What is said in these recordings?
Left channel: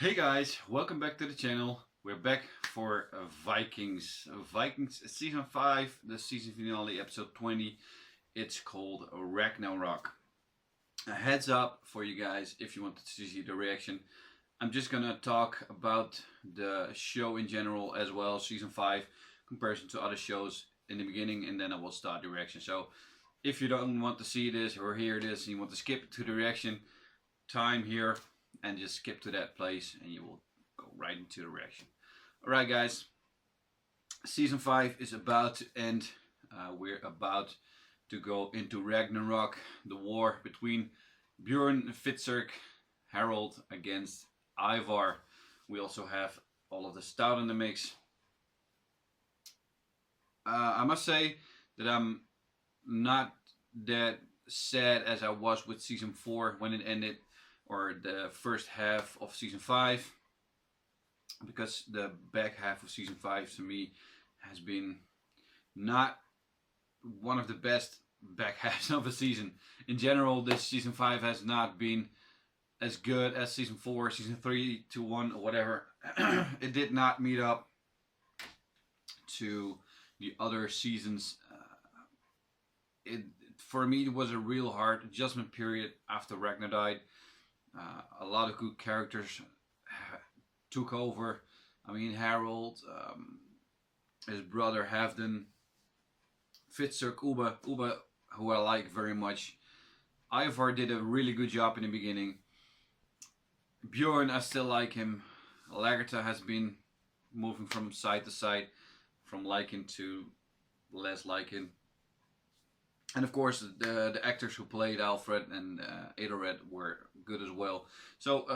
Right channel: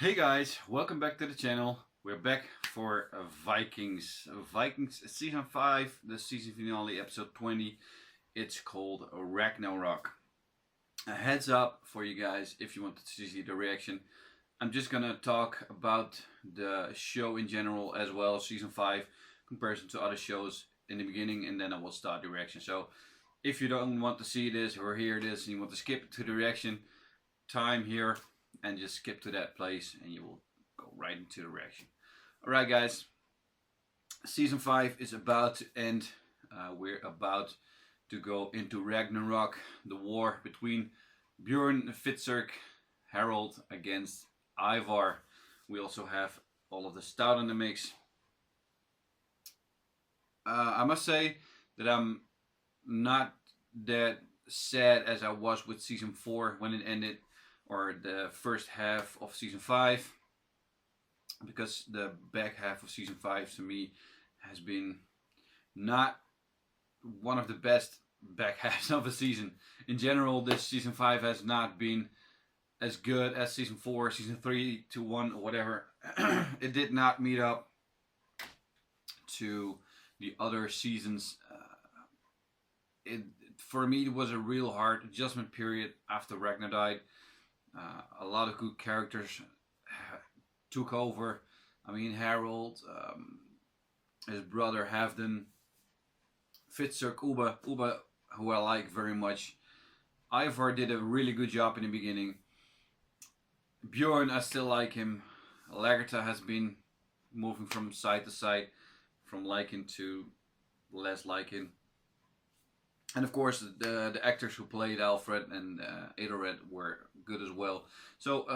Hey guys, welcome back to the channel. We're back for Vikings. Vikings season 5, the season finale, episode 20. It's called Ragnarok. A heads up for you guys if you want to see the reaction. I'm just gonna talk about the show in general as well, season 5, comparison to other shows in the beginning, and then I will start the reaction. So if you don't want to see this or hear this and you want to skip to the reaction, time here and just skip to that place and you will go right into the reaction. Alright guys, season 5 is about to end. We're about to go into Ragnarok, the war between Bjorn, Fitzurk, Harold against Ivar. We also have all of the stout in the mix. I must say that I'm not that sad as I was with season 4 when it ended, or the first half of season 5, because the back half of season 5 to me has been not one of the best back halves of a season. In general, this season 5 has not been as good as season 4, season 3 to 1 or whatever. It did not meet up to the other seasons. For me, it was a real hard adjustment period after Ragnar died. A lot of good characters took over. I mean, Harold, his brother Halfdan, Fitzurk, Uba, who I like very much. Ivar did a really good job in the beginning. Bjorn, I still like him. Lagertha has been moving from side to side, from liking to less liking. And of course, the actors who played Alfred and Edelred were good as well. So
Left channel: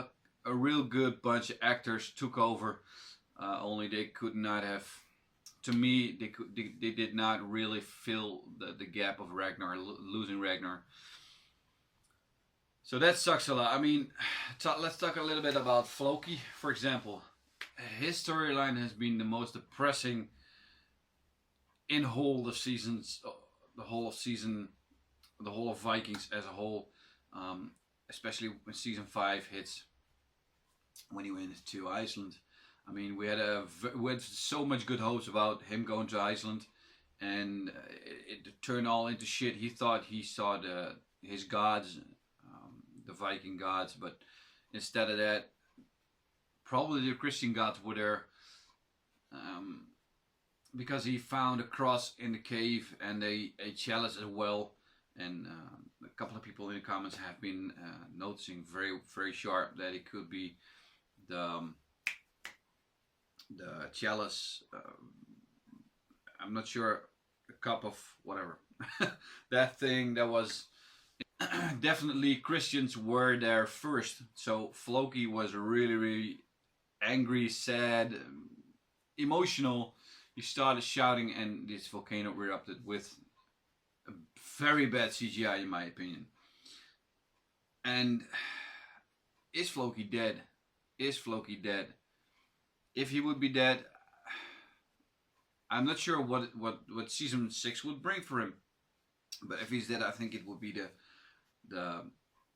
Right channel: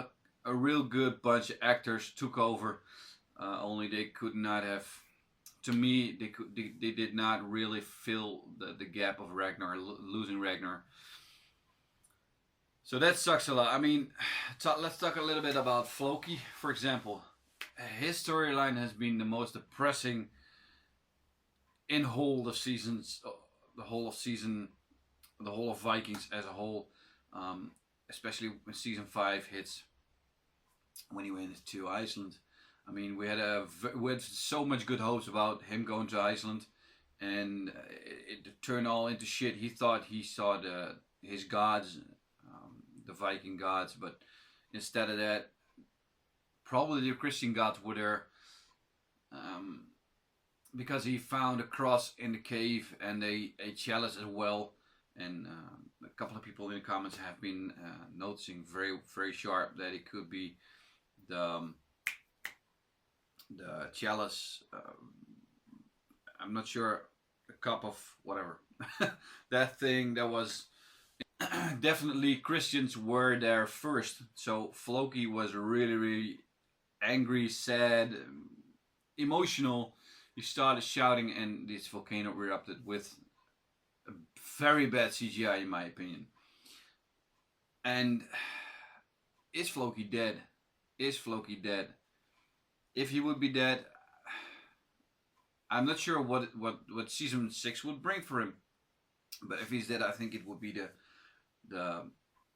a real good bunch of actors took over. Only they could not have, to me, they did not really fill the gap of Ragnar, losing Ragnar. So that sucks a lot. I mean, let's talk a little bit about Floki, for example. His storyline has been the most depressing in whole of seasons. The whole of Vikings as a whole, especially when season 5 hits, when he went to Iceland. I mean, we had so much good hopes about him going to Iceland, and it turned all into shit. He thought he saw his gods, the Viking gods, but instead of that, probably the Christian gods were there. Because he found a cross in the cave and a chalice as well, and a couple of people in the comments have been noticing very sharp that it could be the chalice. I'm not sure, a cup of whatever. That thing that was definitely Christians were there first. So Floki was really angry, sad, emotional. He started shouting and this volcano erupted with very bad CGI in my opinion. And is Floki dead? Is Floki dead? If he would be dead, I'm not sure what season 6 would bring for him. But if he's dead, I think it would be the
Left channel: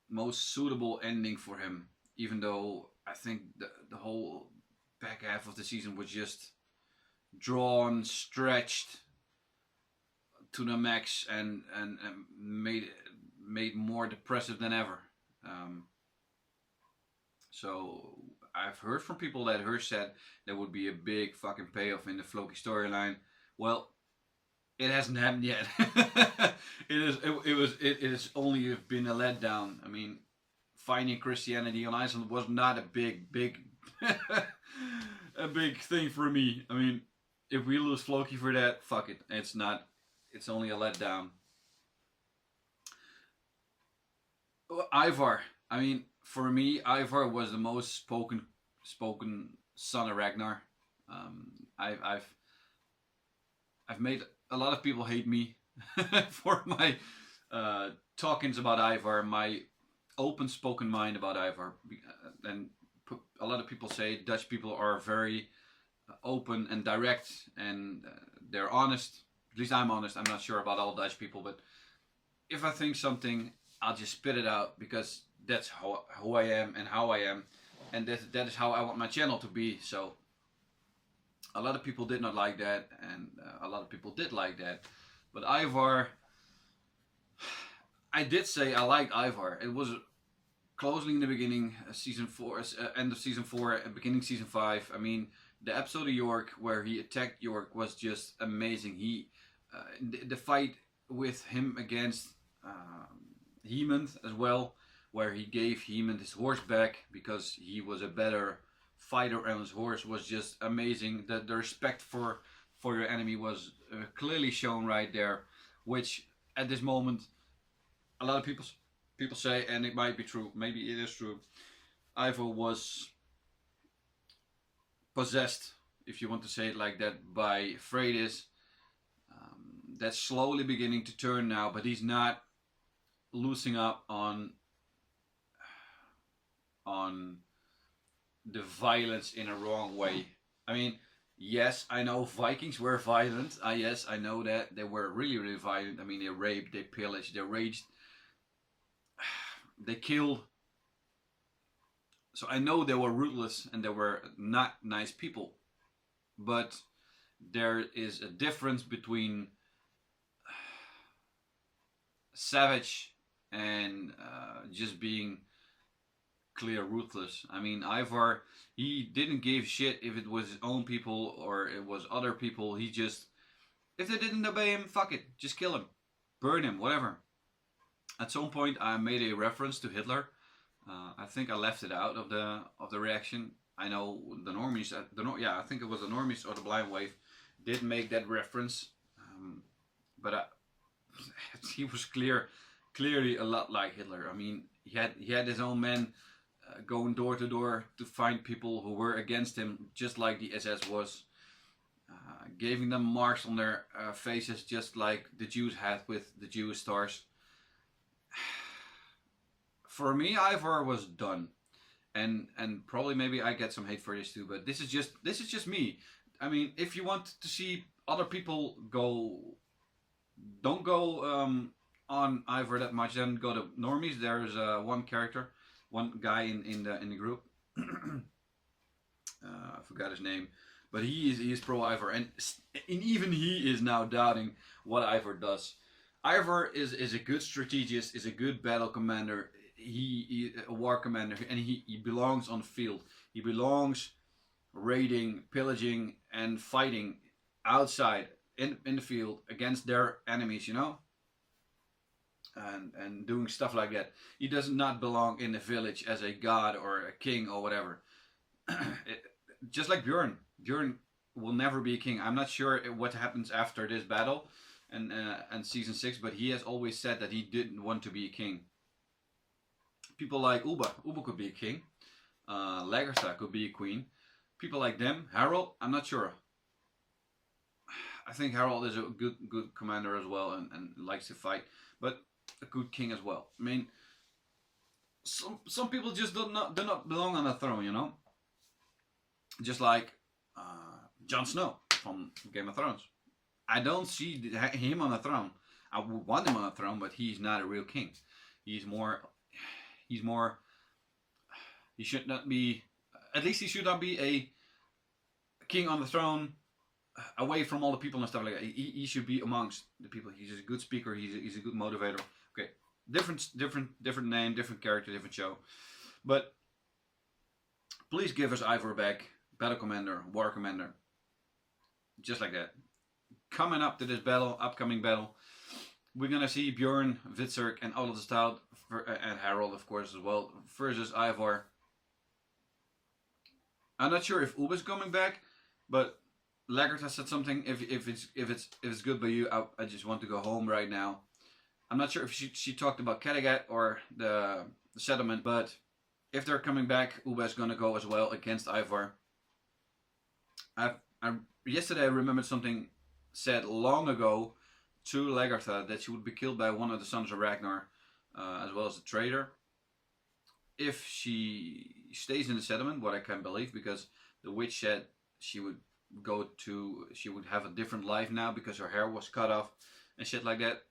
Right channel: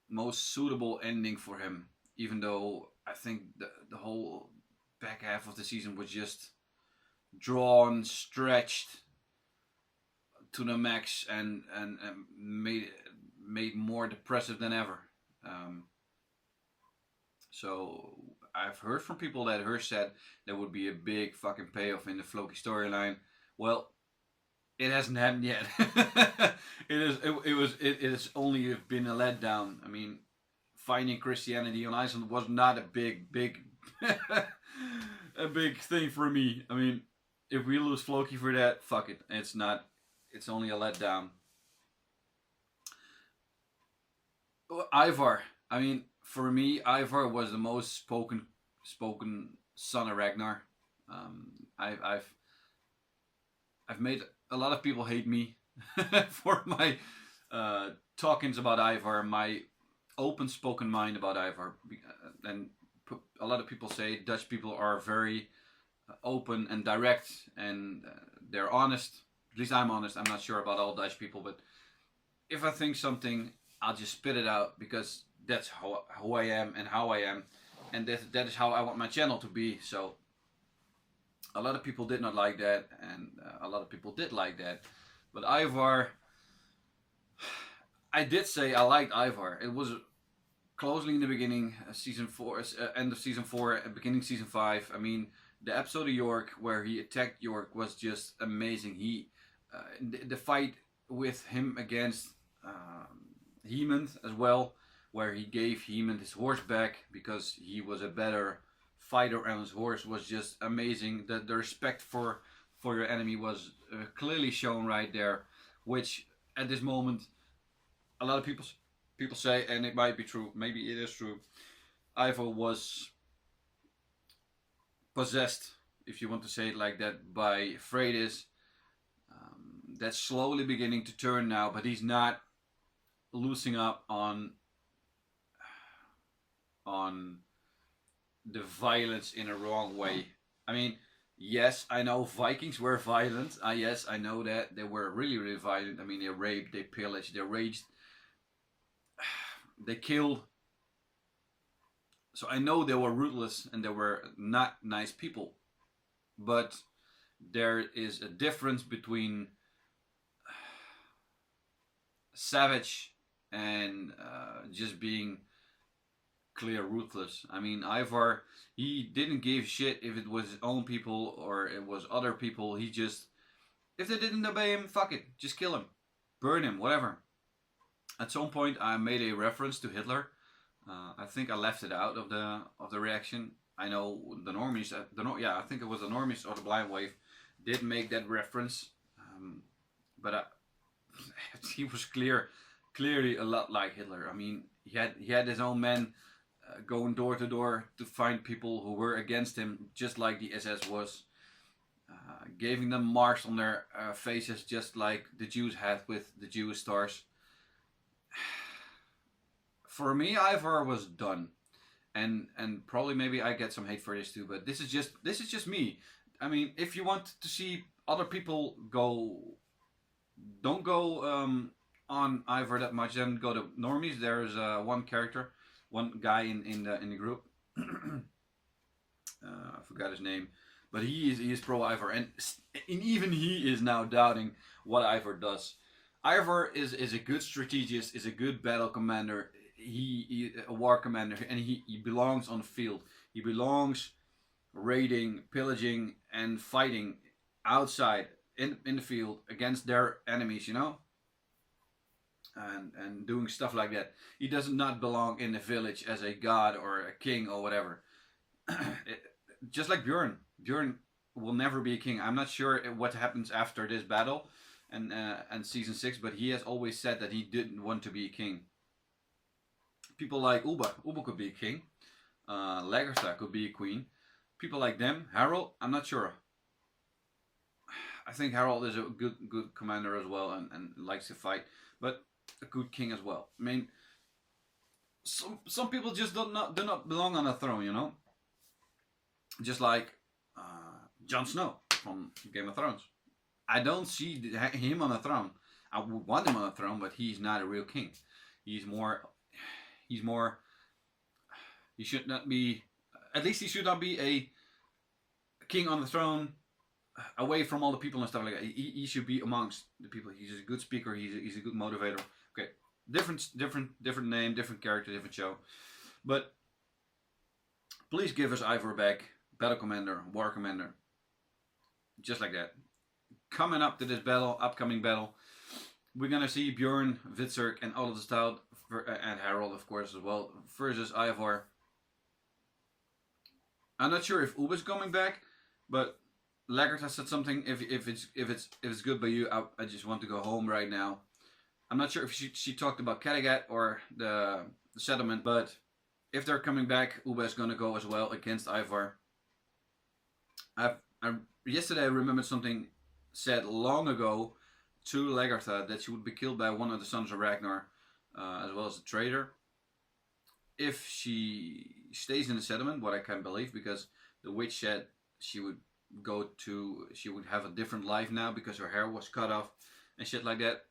most suitable ending for him. Even though I think the whole back half of the season was just drawn, stretched to the max, and made more depressive than ever. So I've heard from people that said there would be a big fucking payoff in the Floki storyline. Well, it hasn't happened yet. It has only been a letdown. I mean, finding Christianity on Iceland was not a big a big thing for me. I mean, if we lose Floki for that, fuck it. It's not. It's only a letdown. Ivar. I mean, for me, Ivar was the most spoken son of Ragnar. I've made a lot of people hate me for my talkings about Ivar, my open spoken mind about Ivar, and a lot of people say Dutch people are very open and direct, and they're honest. At least I'm honest. I'm not sure about all Dutch people, but if I think something, I'll just spit it out because that's who I am and how I am. and that is how I want my channel to be. So a lot of people did not like that, and a lot of people did like that. But Ivar, I did say I liked Ivar. It was closely in the beginning, season 4, end of season 4, beginning season 5. I mean, the episode of York where he attacked York was just amazing. The fight with him against Hemond as well, where he gave Hemond his horse back because he was a better fighter on his horse, was just amazing. The respect for your enemy was clearly shown right there, which at this moment a lot of people say, and it might be true, maybe it is true, Ivo was possessed, if you want to say it like that, by Freydis. That's slowly beginning to turn now, but he's not losing up on the violence in a wrong way. I mean, yes, I know Vikings were violent. Yes, I know that they were really, really violent. I mean, they raped, they pillaged, they raged, they killed. So I know they were ruthless and they were not nice people. But there is a difference between savage and just being clear ruthless. I mean, Ivar, he didn't give shit if it was his own people or it was other people. He just, if they didn't obey him, fuck it, just kill him, burn him, whatever. At some point, I made a reference to Hitler. I think I left it out of the reaction. I know the normies, I think it was the normies or the Blind Wave, did make that reference, but he was clearly a lot like Hitler. I mean, he had his own men going door to door to find people who were against him, just like the SS was, giving them marks on their faces, just like the Jews had with the Jewish stars. For me, Ivar was done, and probably maybe I get some hate for this too. But this is just me. I mean, if you want to see other people go, don't go on Ivar that much. Then go to normies. There's one guy in the group. I forgot his name, but he is pro Ivar, and even he is now doubting what Ivar does. Ivar is a good strategist, is a good battle commander. He a war commander, and he belongs on the field. He belongs raiding, pillaging, and fighting outside in the field against their enemies, you know, and doing stuff like that. He does not belong in the village as a god or a king or whatever. Just like Bjorn will never be a king. I'm not sure what happens after this battle and season 6, but he has always said that he didn't want to be a king. People like Uba could be a king. Lagertha could be a queen. People like them, Harold, I'm not sure. I think Harold is a good commander as well and likes to fight, but a good king as well. I mean, some people just do not belong on a throne, you know. Just like Jon Snow from Game of Thrones. I don't see him on a throne. I would want him on a throne, but he's not a real king. He should not be, at least he should not be a king on the throne away from all the people and stuff like that. He should be amongst the people. He's a good speaker. He's a good motivator. Okay, different name, different character, different show. But please give us Ivar back, battle commander, war commander, just like that. Coming up to this upcoming battle, we're gonna see Bjorn, Vitzerk, and all of the Stout, and Harold, of course, as well, versus Ivar. I'm not sure if Uba's coming back, but Laggard has said something. If it's good by you, I just want to go home right now. I'm not sure if she talked about Kattegat or the settlement, but if they're coming back, Uba is gonna go as well against Ivar. Yesterday I remembered something said long ago to Lagertha that she would be killed by one of the sons of Ragnar, as well as the traitor. If she stays in the settlement, what I can't believe, because the witch said she would have a different life now because her hair was cut off and shit like that.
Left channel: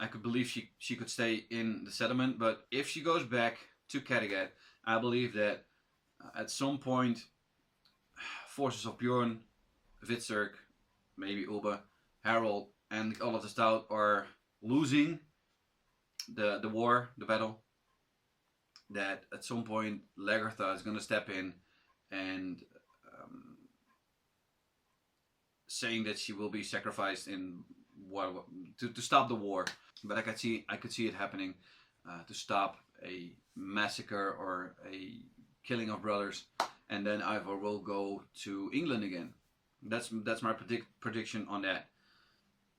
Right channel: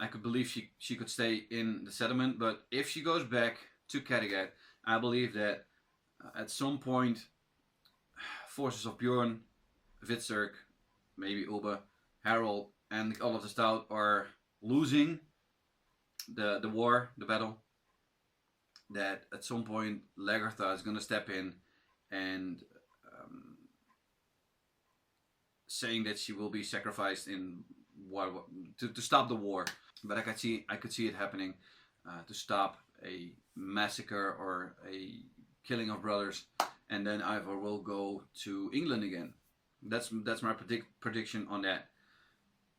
I could believe she could stay in the settlement, but if she goes back to Kattegat, I believe that at some point, forces of Bjorn, Witzerk, maybe Oba, Harold, and all of the Stout are losing the war, the battle. That at some point Lagertha is going to step in and saying that she will be sacrificed in war to stop the war. But I could see it happening to stop a massacre or a killing of brothers, and then Ivor will go to England again. That's my prediction on that.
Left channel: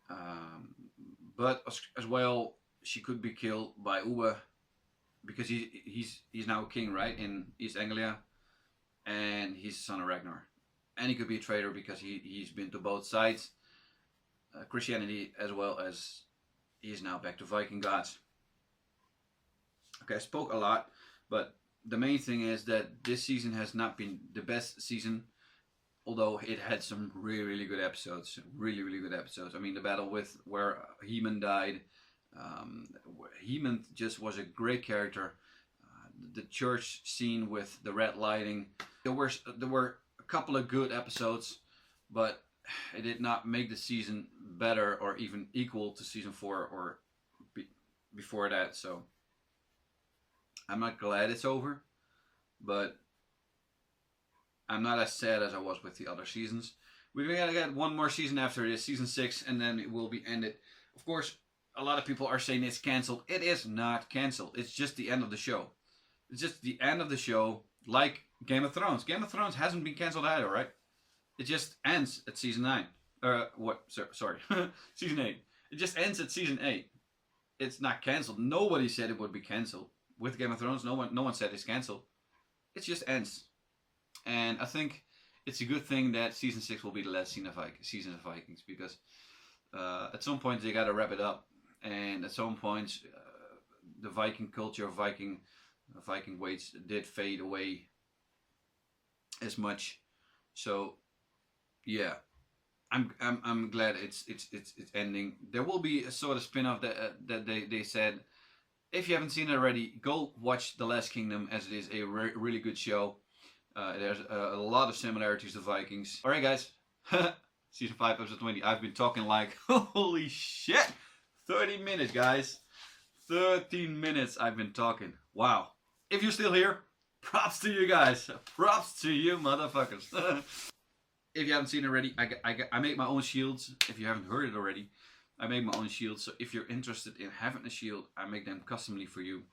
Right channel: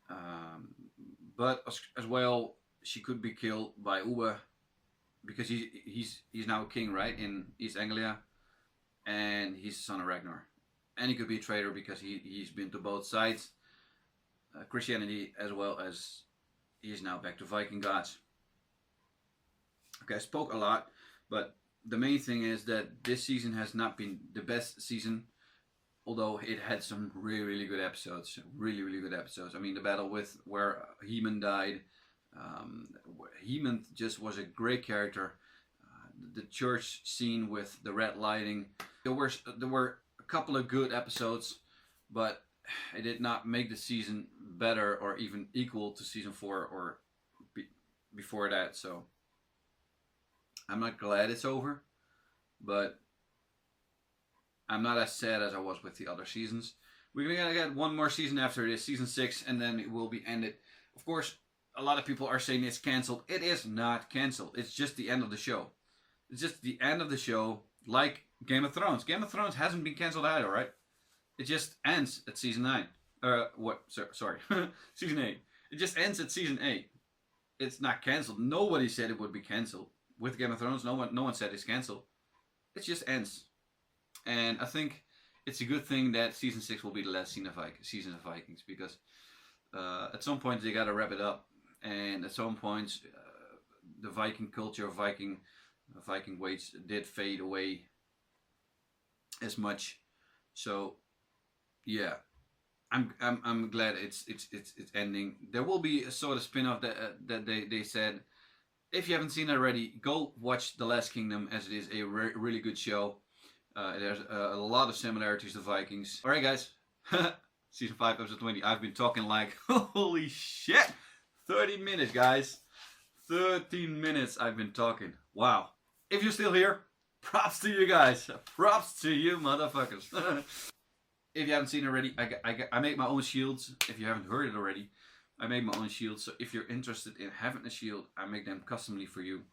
Um, but as well, she could be killed by Uwe because he's now king, right, in East Anglia, and he's the son of Ragnar, and he could be a traitor because he's been to both sides, Christianity as well as he's now back to Viking gods. Okay, I spoke a lot, but the main thing is that this season has not been the best season, although it had some really really good episodes, really really good episodes. I mean, the battle with where Heman died. Heman just was a great character. The church scene with the red lighting. There were a couple of good episodes, but it did not make the season better or even equal to season 4 or before that. So I'm not glad it's over, but I'm not as sad as I was with the other seasons. We're gonna get one more season after this, season 6, and then it will be ended. Of course, a lot of people are saying it's cancelled. It is not cancelled. It's just the end of the show. It's just the end of the show, like Game of Thrones. Game of Thrones hasn't been cancelled either, right? It just ends at season 9. What? Sorry, season 8. It just ends at season 8. It's not cancelled. Nobody said it would be cancelled. With Game of Thrones, no one said it's cancelled. It just ends. And I think it's a good thing that season 6 will be the last season of Vikings, because at some point they gotta wrap it up, and at some point the Viking culture, Viking ways did fade away as much. So yeah, I'm glad it's ending. There will be a sort of spin-off that they said. If you haven't seen it already, go watch The Last Kingdom, as it is a really good show. There's a lot of similarities to Vikings. Alright guys, season 5 episode 20. I've been talking like, holy shit, 30 minutes guys. 13 minutes I've been talking. Wow. If you're still here, props to you guys. Props to you motherfuckers. If you haven't seen it already, I make my own shields. If you haven't heard it already, I make my own shields. So if you're interested in having a shield, I make them customly for you.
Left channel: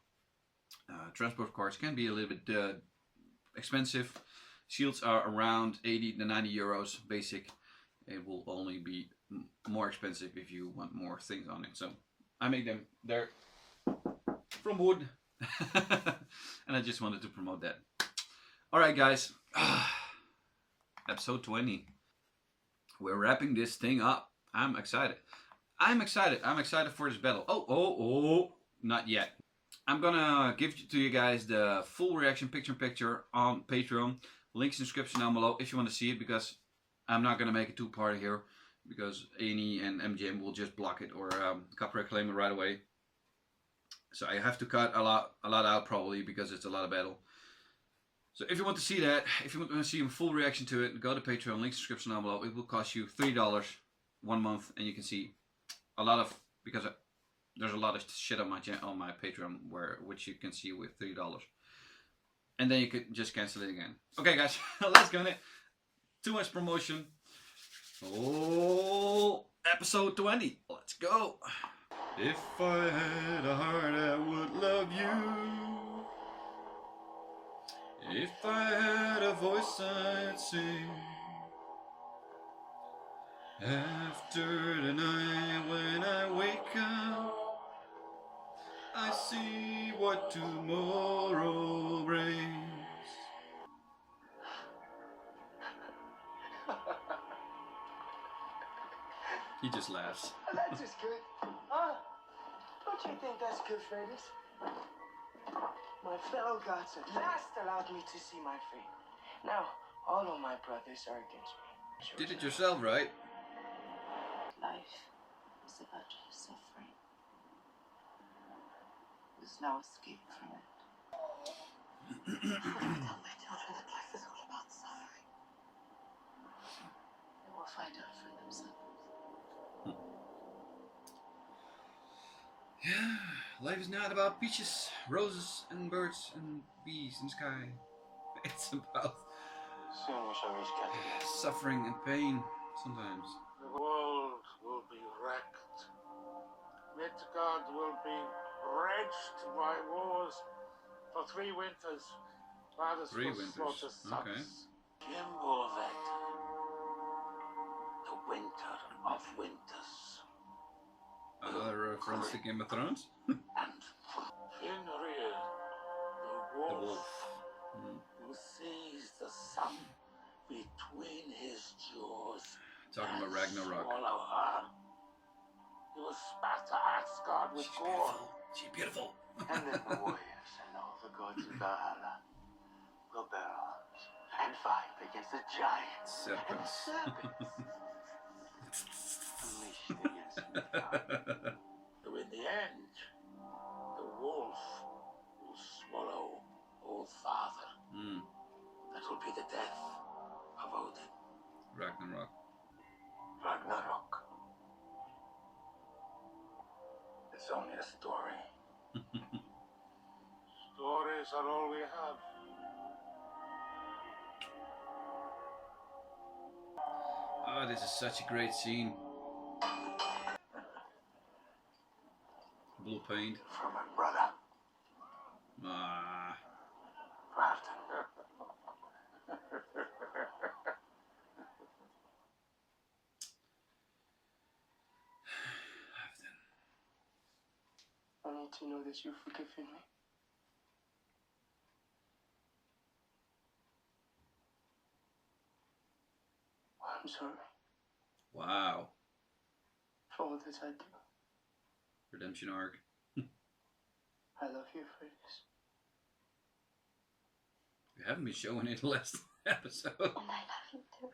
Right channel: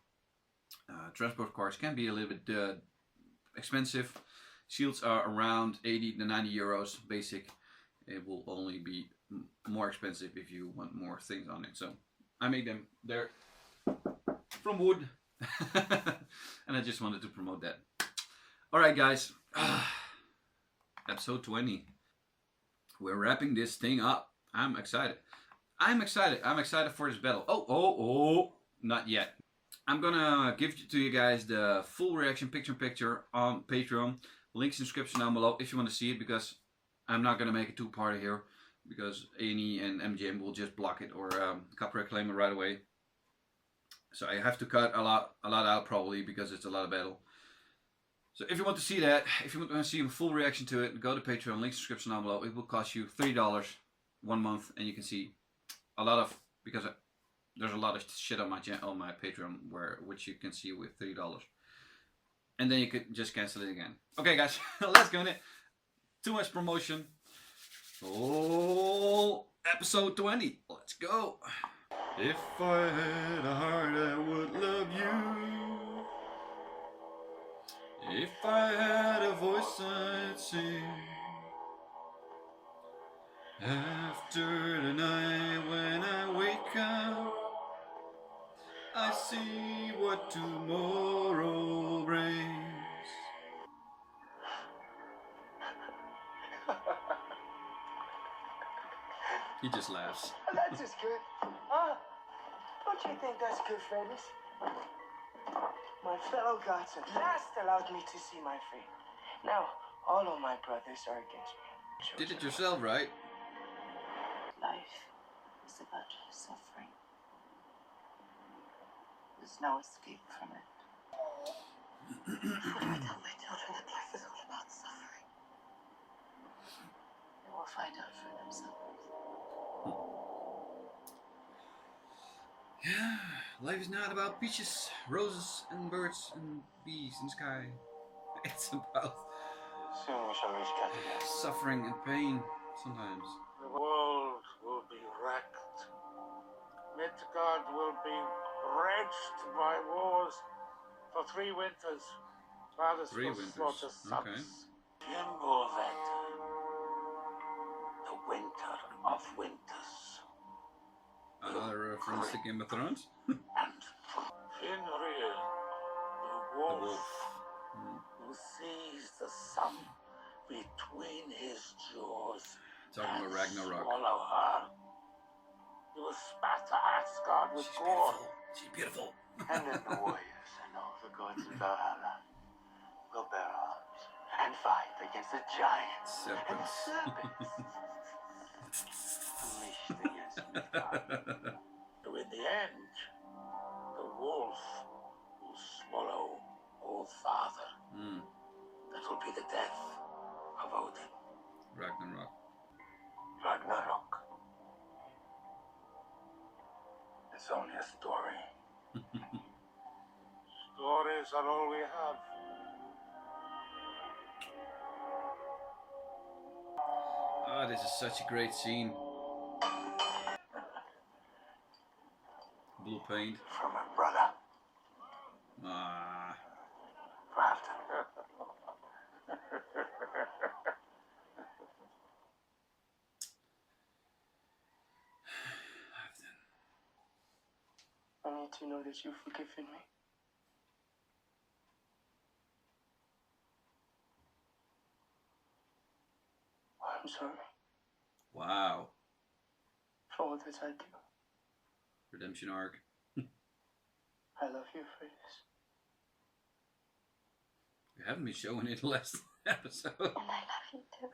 Transport cards can be a little bit expensive. Shields are around 80 to 90 euros basic. It will only be more expensive if you want more things on it. So I make them there from wood. And I just wanted to promote that. Alright guys, episode 20. We're wrapping this thing up. I'm excited. I'm excited for this battle. Oh, not yet. I'm gonna give to you guys the full reaction picture on Patreon. Links in the description down below if you want to see it, because I'm not gonna make a two-parter here, because A&E and MGM will just block it or copyright claim it right away. So I have to cut a lot out probably, because it's a lot of battle. So if you want to see that, if you want to see a full reaction to it, go to Patreon. Links in the description down below. It will cost you $3 1 month, and you can see a lot of, because there's a lot of shit on my Patreon which you can see with $3, and then you could just cancel it again. Okay, guys, let's go in it. Too much promotion. Oh, episode 20. Let's go. If I had a heart, I would love you. If I had a voice, I'd sing. After the night when I wake up, I see what tomorrow brings. He just laughs. That's just good. Don't you think that's good, Fredis? My fellow gods at last allowed me to see my fate. Now, all of my brothers are against me. Did it yourself, right? Life is about suffering. There's no escape from it. Tell my children that life is all about suffering. They will find out for themselves. Yeah, life is not about peaches, roses, and birds and bees in the sky. It's about Soon we shall reach Canada. suffering and pain sometimes. The world will be wrecked. Midgard will be wrenched by wars for 3 winters. Fathers 3 will winters. slaughter sons. Okay. Fimbulvet, the winter of winters. Another reference to Game of Thrones. And Fenrir, the The wolf, wolf. who sees the sun between his jaws. Talking about and Ragnarok. swallow her. He will spatter Asgard with She's gore. beautiful. She's beautiful. And then the warriors and all the gods of Valhalla will bear arms and fight against the giants Serpents. and serpents unleashed against Midgard. So in the end, the wolf will swallow old father. That will be the death of Odin. Ragnarok. Ragnarok. It's only a story. Stories are all we have. Ah, this is such a great scene. Blue paint. From my brother, Ah, Brad. I need to know that you've forgiven me. I'm sorry wow. for all that I do. Redemption arc. I love you for this. We haven't been showing it last episode. And I love you too.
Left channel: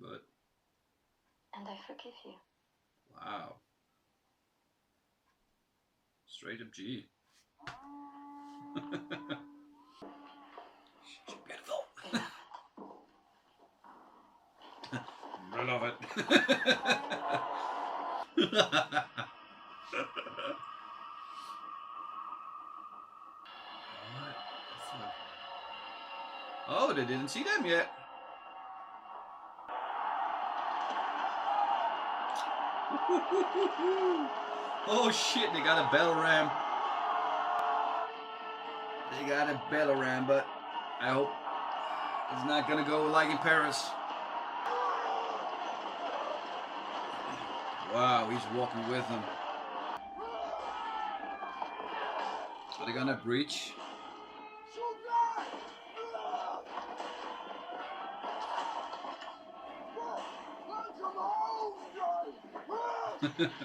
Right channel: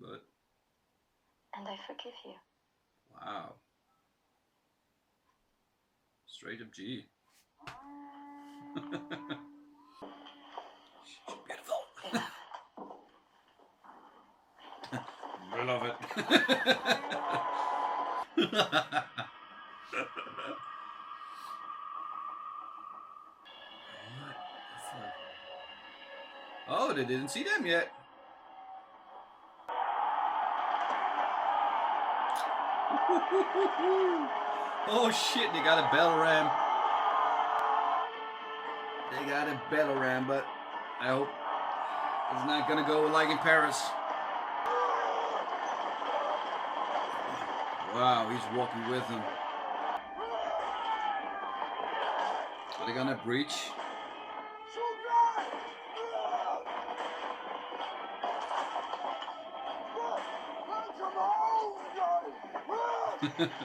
But And I forgive you. wow. Straight up G. She's beautiful. Beloved. Beloved. What the fuck? Oh, they didn't see them yet. Oh shit, they got a bell ram. They got a bell ram, but I hope it's not gonna go like in Paris. Wow, he's walking with them. Are they gonna breach?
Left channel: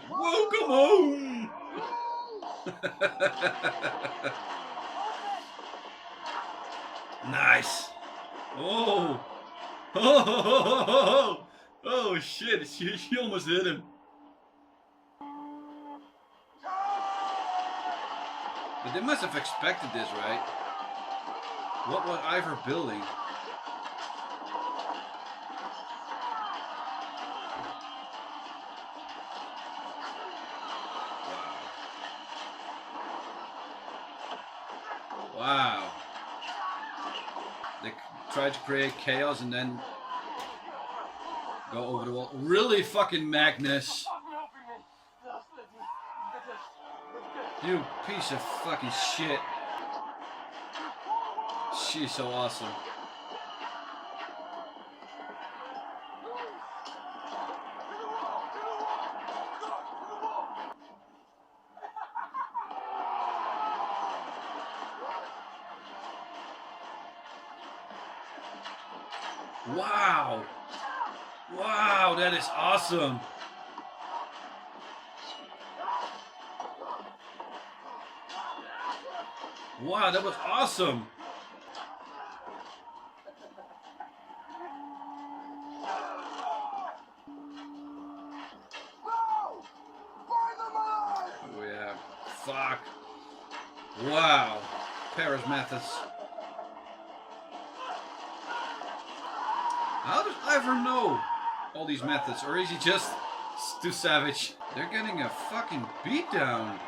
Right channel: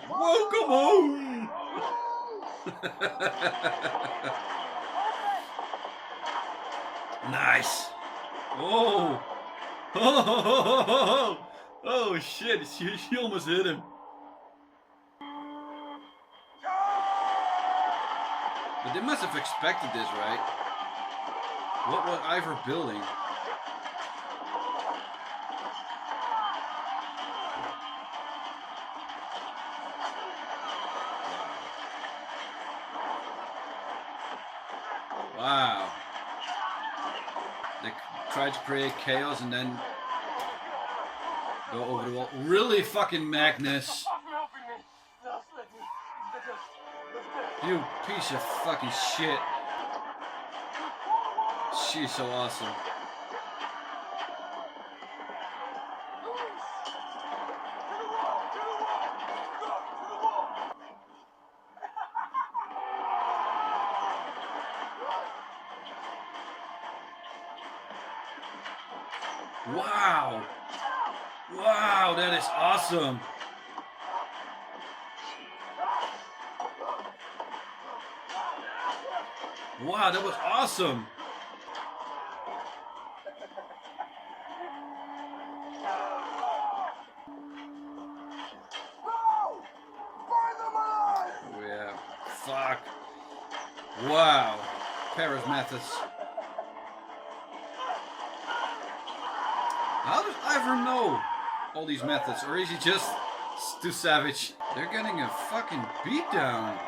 Welcome home! Nice! Oh! Oh, oh shit, she almost hit him. But they must have expected this, right? What was Ivor building? Wow. They tried to create chaos and then go over the wall. Really fucking Magnus. You piece of fucking shit. She's so awesome. Wow. Wow, that is awesome. Wow, that was awesome. Oh yeah, fuck. Wow. Paris methods. How does Ivor know all these methods? Or is he just too savage? They're getting a fucking beatdown.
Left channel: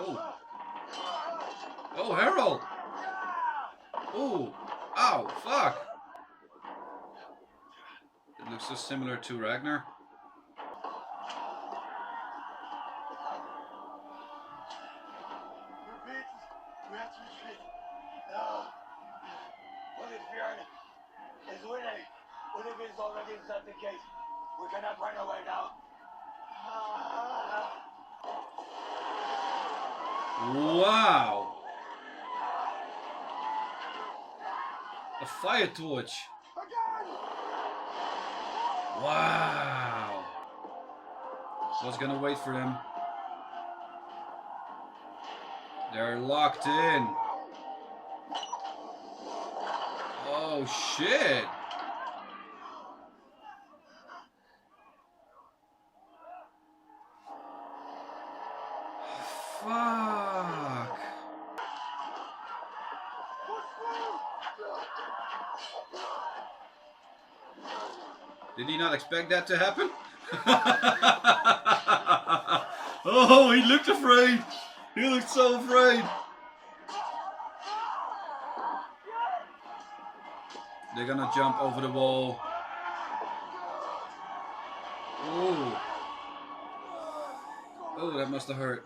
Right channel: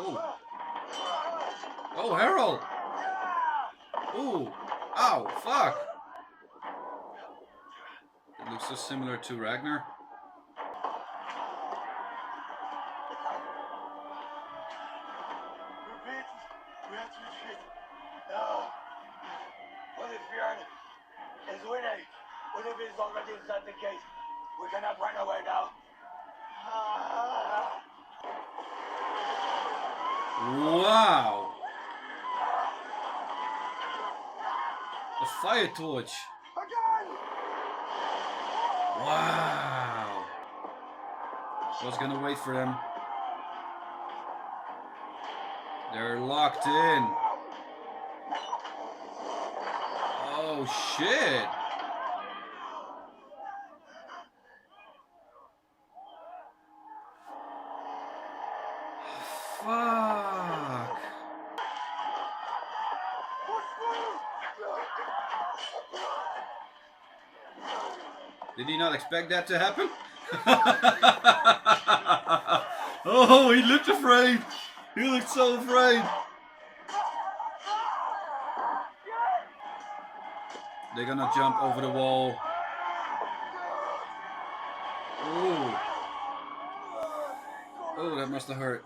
Oh. Oh, Harold. Ooh. Ow. Fuck. It looks so similar to Ragnar. We have to retreat. No. Overthere is winning. Olivier is already inside the gate. We cannot run away now. Wow. A fire torch. Again! Wow. I was gonna wait for them. They're locked in. Oh shit. Fuck. Did he not expect that to happen? Oh, he looked afraid. He looked so afraid. They're gonna jump over the wall. Oh. Oh, that must have hurt.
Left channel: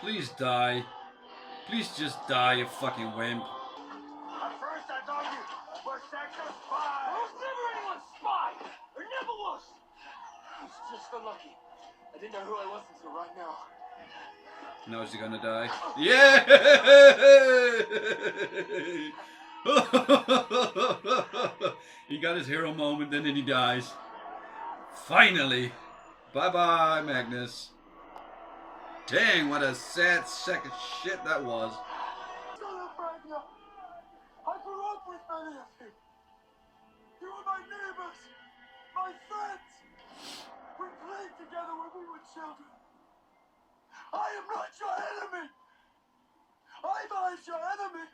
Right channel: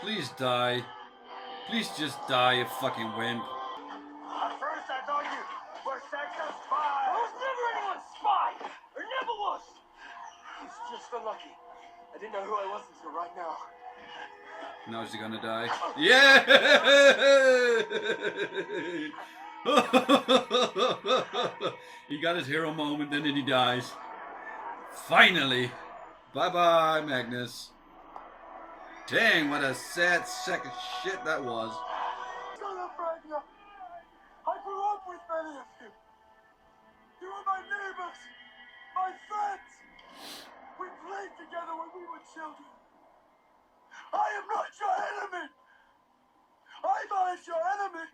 Please die. Please just die, you fucking wimp. At first I thought you were such a spy. I was never anyone's spy. There never was. I was just so lucky. I didn't know who I was until right now. Now is he gonna die? Yeah! He got his hero moment and then he dies. Finally! Bye bye, Magnus. Dang, what a sad sack of shit that was. Shut up, Ragnar. I grew up with many of you. You were my neighbors, my friends. We played together when we were children. I am not your enemy. I'm your enemy.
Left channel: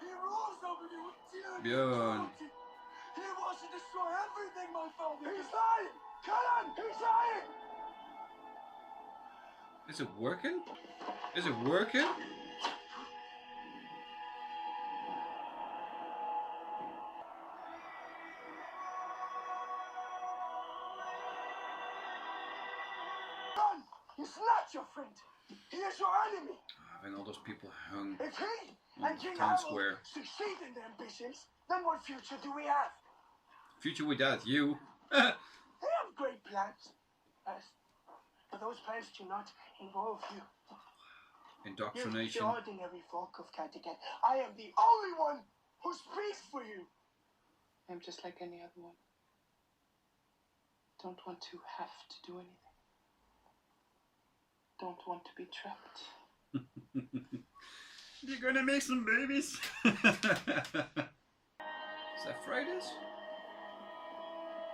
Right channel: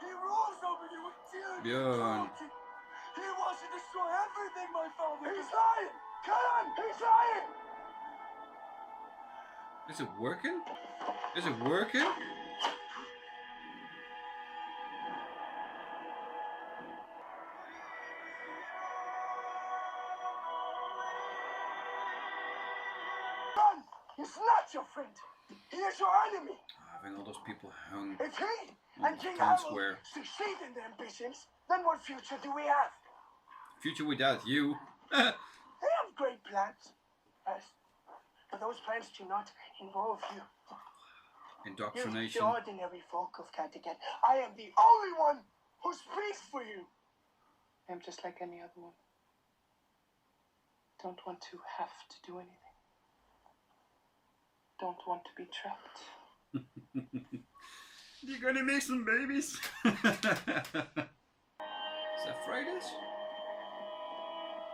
He rules over you with tyranny and Björn. cruelty. He wants to destroy everything my father. He's lying. Kill him. He's lying. Is it working? Is it working? Run. He's not your friend. He is your enemy. Having all those people hung If he on and the King town Harold square. succeed in their ambitions, then what future do we have? Future without you. They have great plans, yes, but those plans do not involve you. You're Indoctrination. the ordinary folk of Kattegat. I am the only one who speaks for you. I'm just like any other one. Don't want to have to do anything. Don't want to be trapped. You're gonna make some babies. Is that Freydis?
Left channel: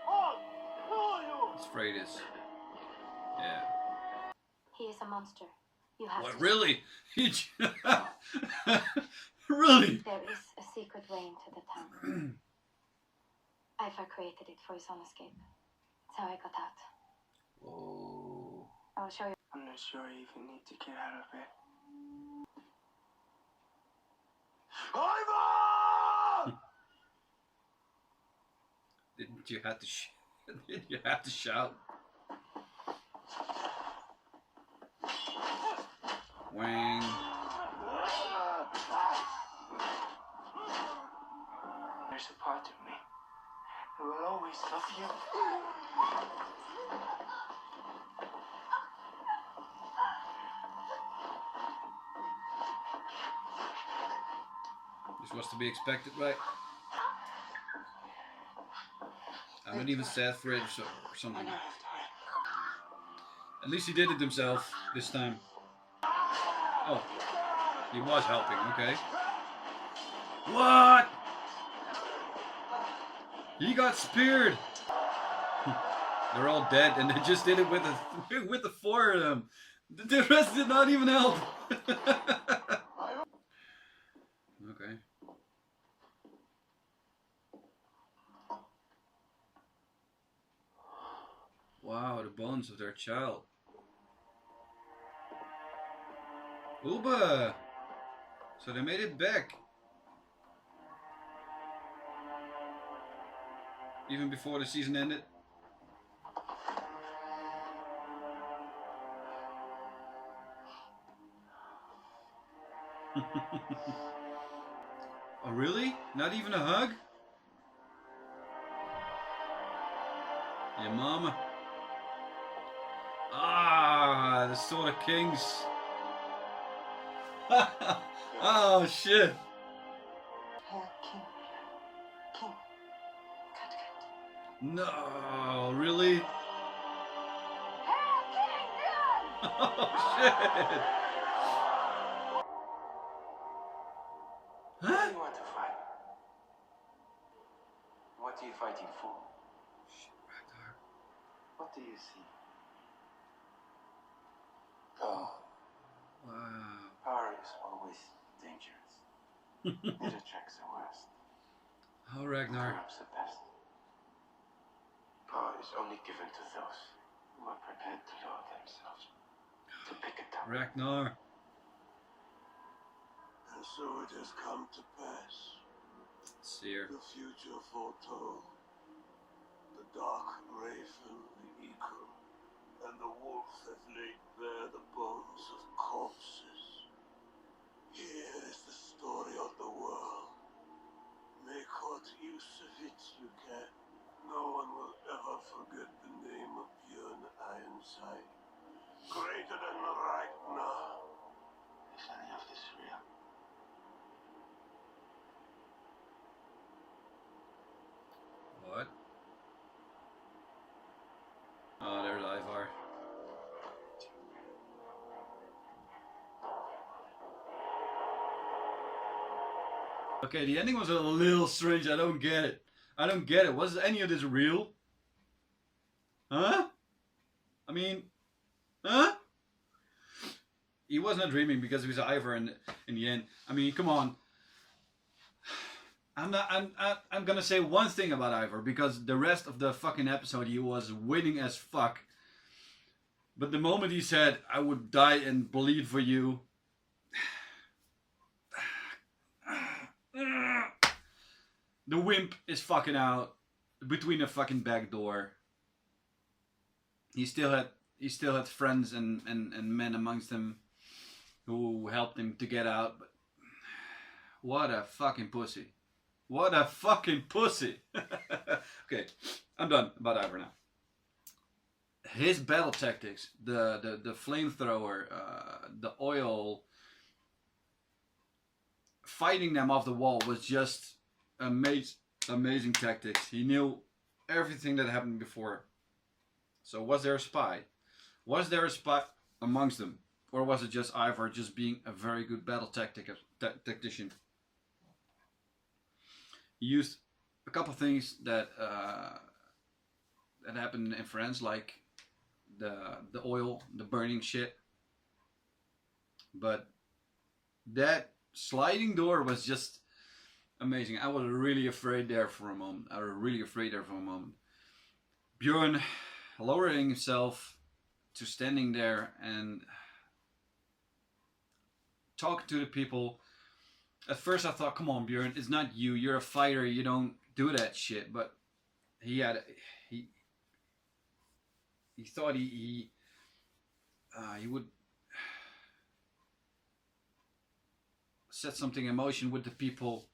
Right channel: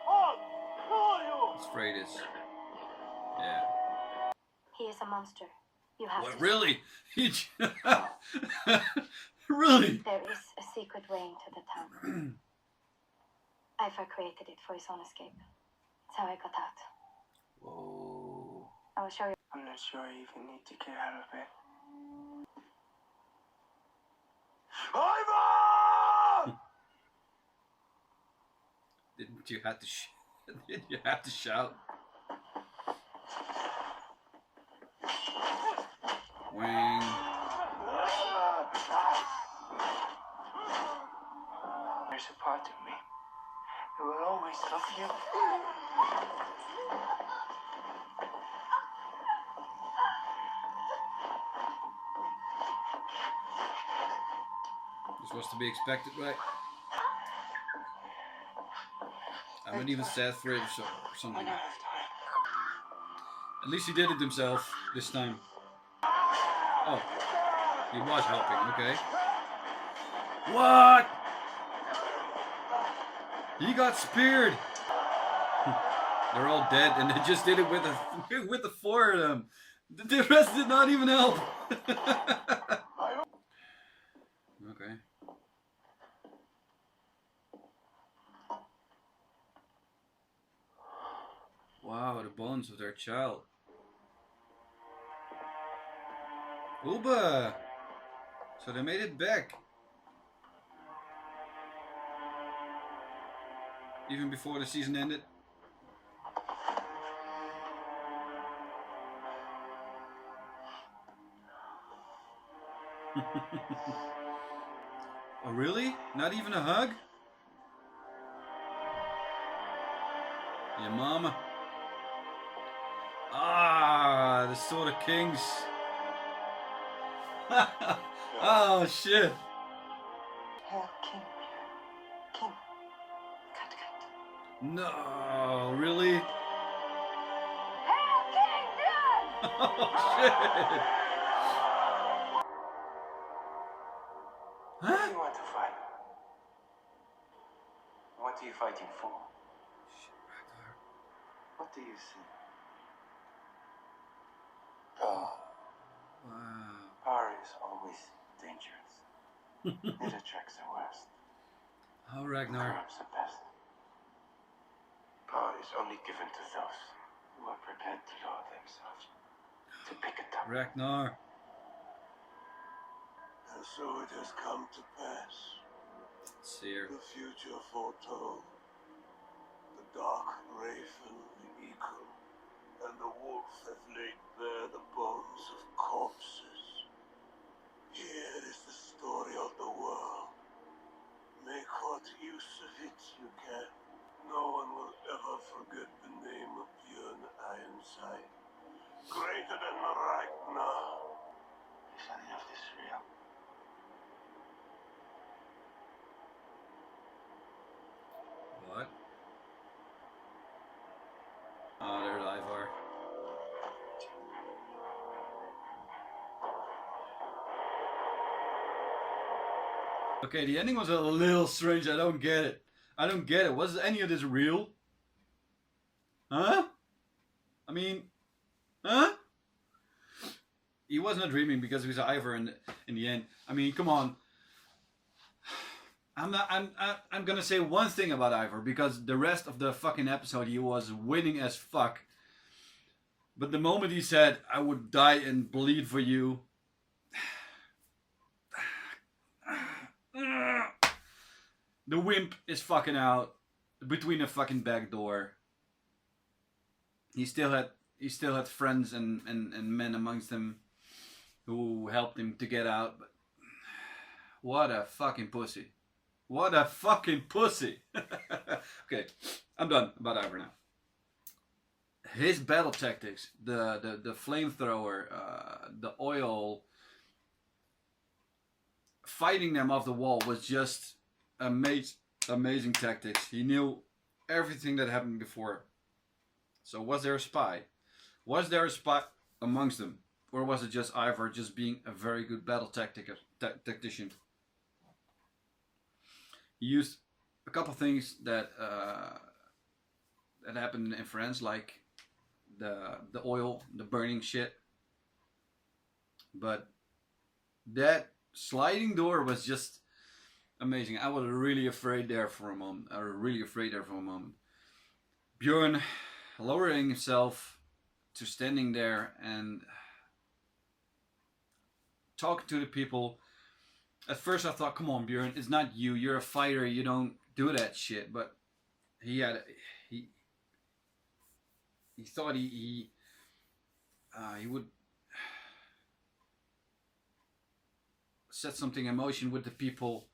Oh, who are you? It's Freydis. Yeah. He is a monster. You have What, to. really? Really? There is a secret way into the town. Ivar created it for his own escape. That's how I got out. Whoa. I will show you. I'm not sure I even need to get out of bed. Ivan! Didn't you have to did you have to shout? Wang. There's a part of me that will always love you. This was to be expected, right? I'm not even sad for it or something. I don't have time. At least he did it himself this time. Oh, he was helping, okay. What? He got speared. They're all dead, and they just did it with the four of them. The rest did not even help. Okay. Wow, the bones of their child. Uba! So they made it back. Even before the season ended. Oh really? Not even a hug? Your mama. Ah, the Sword of Kings. Oh shit. Hail King. King. Cut, cut. No, really? Hail King Bjorn! Oh shit. Why do Huh? you want to fight? What are you fighting for? What do you see? Oh, Wow. power is always dangerous. It attracts the worst. Oh, Ragnar. Corrupts the best. Power is only given to those who are prepared to lower themselves, to pick it up. Ragnar. And so it has come to pass. Seer. The future foretold. The dark raven, the eagle, and the wolf have laid bare the bones of corpses. Here is the story of the world. Make what use of it you can. No one will ever forget the name of Björn Ironside. Greater than Ragnar. Is any of this real? What? Oh, there's Ivar. Okay, the ending was a little strange. I don't get it. I don't get it. Was any of this real? Huh? I mean, huh? He was not dreaming because he was Ivar in the end. I mean, come on. I'm gonna say one thing about Ivar because the rest of the fucking episode he was winning as fuck. But the moment he said, "I would die and bleed for you," the wimp is fucking out between a fucking back door. He still had friends and men amongst him who helped him to get out. But what a fucking pussy! What a fucking pussy! Okay, I'm done about Ivar now. His battle tactics, the flamethrower, the oil, fighting them off the wall was just amazing tactics. He knew everything that happened before. So was there a spy? Was there a spy amongst them? Or was it just Ivar just being a very good battle tactician? He used a couple things that happened in France, like the oil, the burning shit. But that sliding door was just amazing. I was really afraid there for a moment. Bjorn lowering himself to standing there and talking to the people. At first I thought, come on Bjorn, it's not you. You're a fighter. You don't do that shit. But he thought he would set something in motion with the people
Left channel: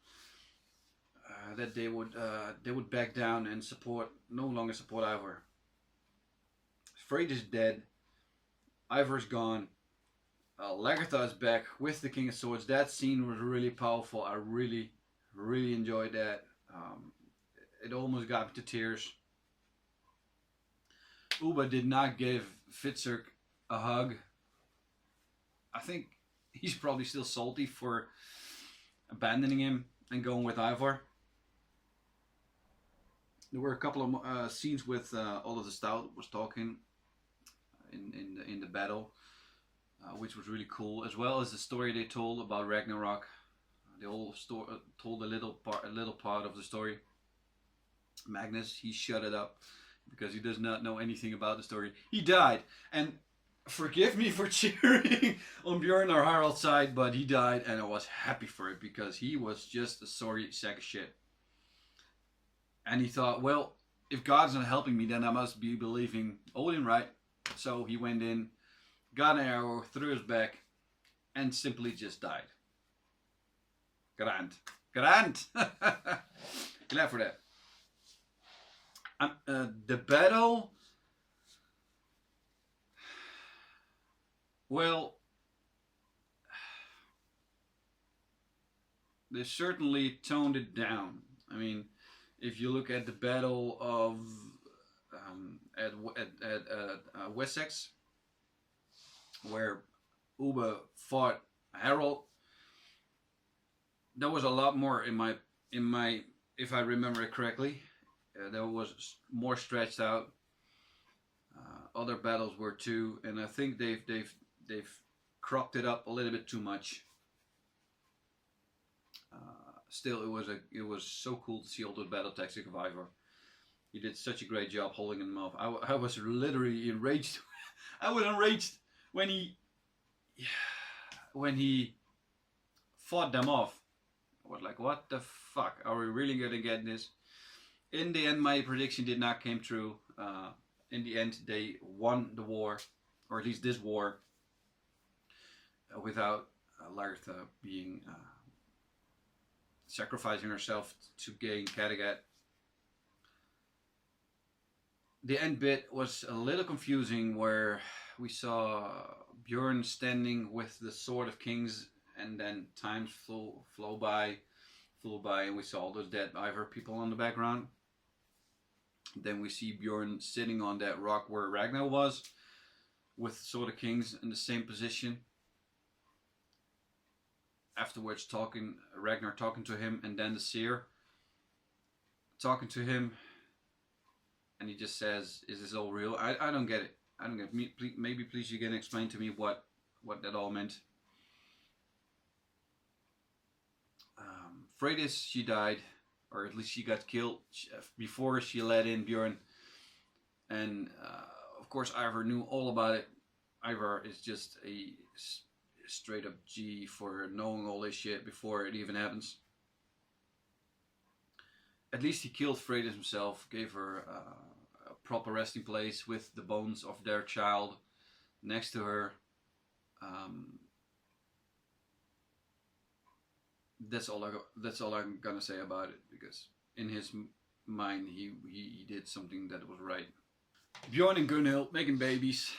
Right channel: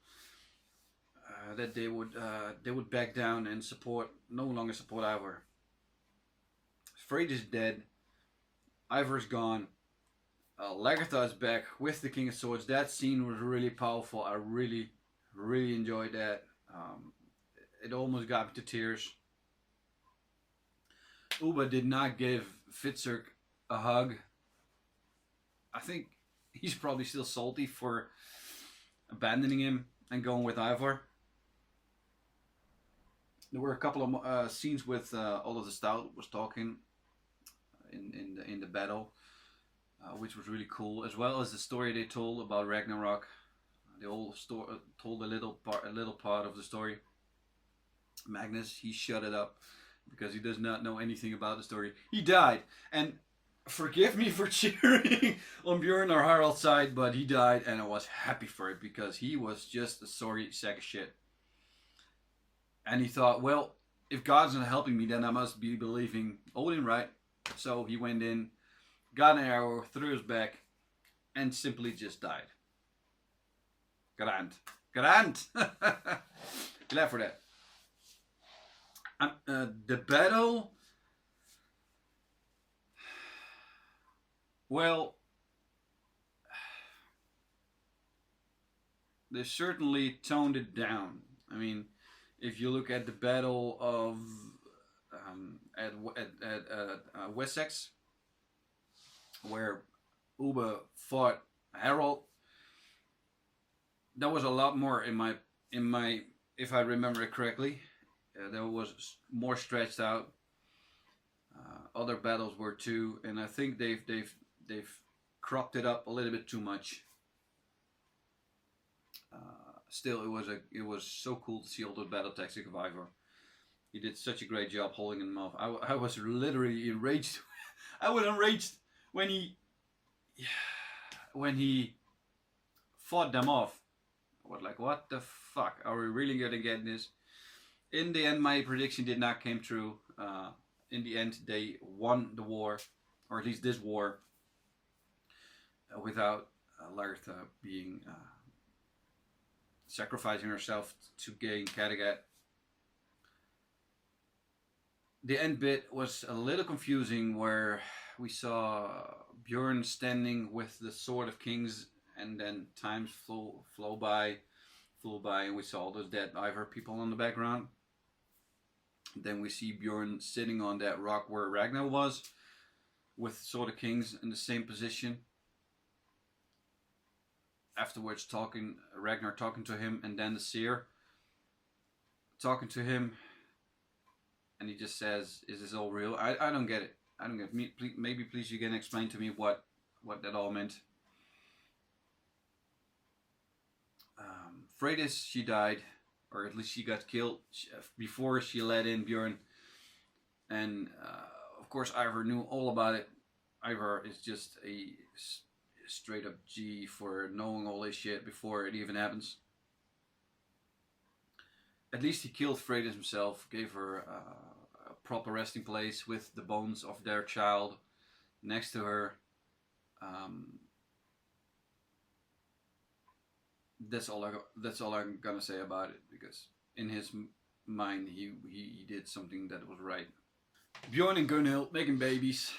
that they would back down and no longer support Ivar. Freyr is dead. Ivar's gone. Lagertha is back with the King of Swords. That scene was really powerful. I really enjoyed that. It almost got me to tears. Uba did not give Fitzurk a hug. I think he's probably still salty for abandoning him and going with Ivar. There were a couple of scenes with Oliver Stout was talking in the battle, which was really cool, as well as the story they told about Ragnarok. They all told a little part of the story. Magnus, he shut it up because he does not know anything about the story. He died, and forgive me for cheering on Bjorn or Harald's side, but he died, and I was happy for it because he was just a sorry sack of shit. And he thought, well, if God's not helping me, then I must be believing Odin, right? So he went in, got an arrow through his back, and simply just died. Grand. Glad for that. The battle, well, they certainly toned it down. I mean, if you look at the battle of at Wessex, where Ubbe fought Harold, there was a lot more in my if I remember it correctly. There was more stretched out. Other battles were too, and I think they've cropped it up a little bit too much. Still, it was so cool to see all the battle tactics of Ivar. He did such a great job holding them off. I was literally enraged. I was enraged when he fought them off. I was like, what the fuck? Are we really gonna get this? In the end, my prediction did not come true. In the end, they won the war, or at least this war, without Lagertha being sacrificing herself to gain Kattegat. The end bit was a little confusing, where we saw Bjorn standing with the Sword of Kings, and then times flew by, and we saw all those dead Ivar people in the background. Then we see Bjorn sitting on that rock where Ragnar was, with Sword of Kings in the same position. Afterwards, Ragnar talking to him, and then the seer talking to him, and he just says, "Is this all real?" I don't get it. I don't get it. Maybe please you can explain to me what that all meant. Freydis, she died, or at least she got killed before she let in Bjorn. And of course, Ivar knew all about it. Ivar is just a straight up G for knowing all this shit before it even happens. At least he killed Freydis himself, gave her a proper resting place with the bones of their child next to her. That's all I'm gonna say about it, because in his mind he did something that was right. Bjorn and Gunhild making babies.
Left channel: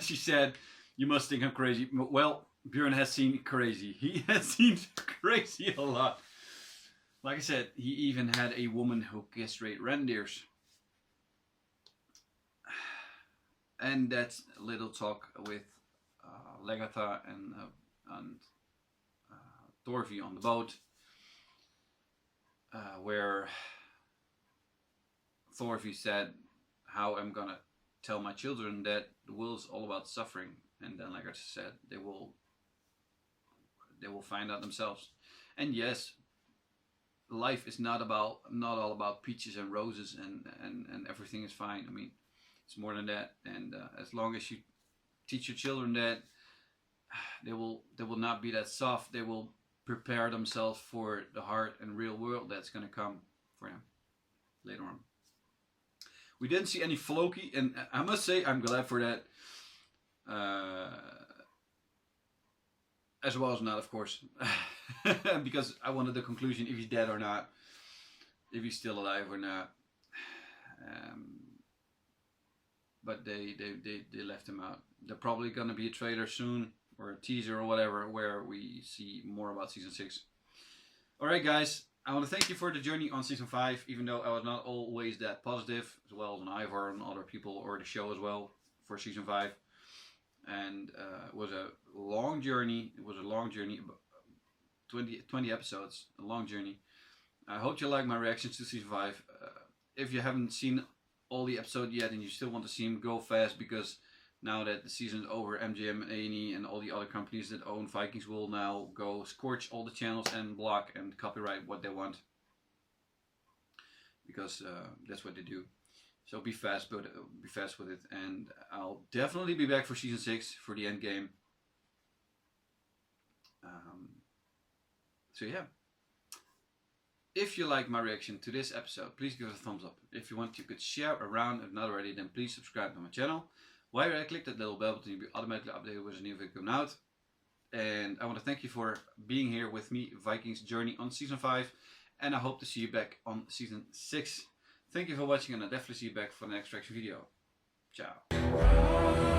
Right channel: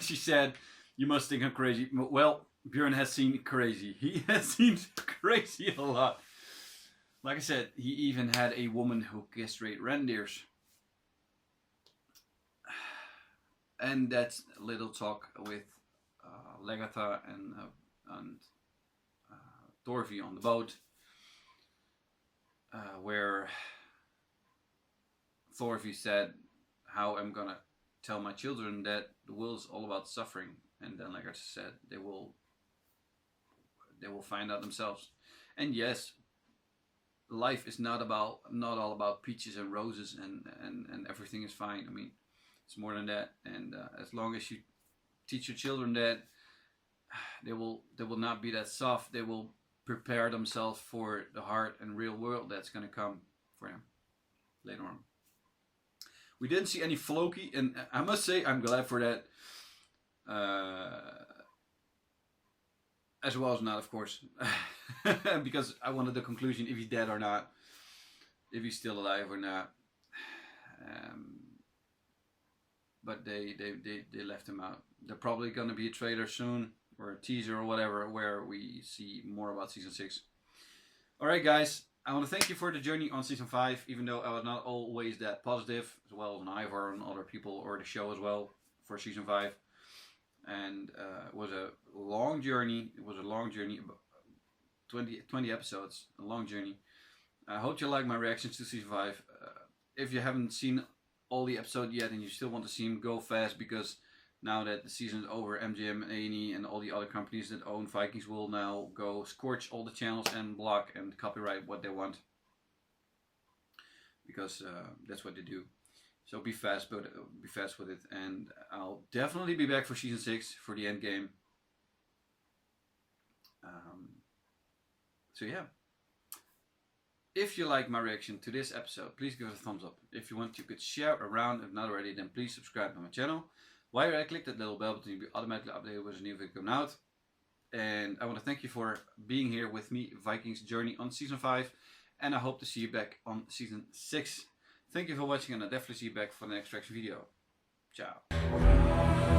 She said, "You must think I'm crazy." Well, Bjorn has seen crazy. He has seen crazy a lot. Like I said, he even had a woman who castrated reindeers. And that's a little talk with Lagertha and Thorfi on the boat, where Thorfi said, "How I'm gonna tell my children that the will is all about suffering," and then Lagertha said, "They will find out themselves." And yes, life is not all about peaches and roses and everything is fine. I mean, it's more than that. And as long as you teach your children that, they will not be that soft. They will prepare themselves for the hard and real world that's going to come for them later on. We didn't see any Floki, and I must say I'm glad for that. As well as not, of course, because I wanted the conclusion if he's dead or not, if he's still alive or not. But they left him out. They're probably going to be a trailer soon, or a teaser or whatever, where we see more about season 6. Alright guys, I want to thank you for the journey on season 5, even though I was not always that positive, as well as on Ivar and other people, or the show as well, for season 5. and it was a long journey. It was a long journey, 20 episodes, a long journey. I hope you like my reactions to season 5. If you haven't seen all the episodes yet and you still want to see them, go fast, because now that the season is over, MGM, A&E, and all the other companies that own Vikings will now go scorch all the channels and block and copyright what they want, because that's what they do. So be fast, but be fast with it, and I'll definitely be back for season 6 for the end game. So yeah. If you like my reaction to this episode, please give it a thumbs up. If you want, you could share around. If not already, then please subscribe to my channel. While you're at, click that little bell button, you'll be automatically updated with a new video coming out. And I want to thank you for being here with me, Vikings journey on season 5. And I hope to see you back on season 6. Thank you for watching, and I'll definitely see you back for the next reaction video. Ciao.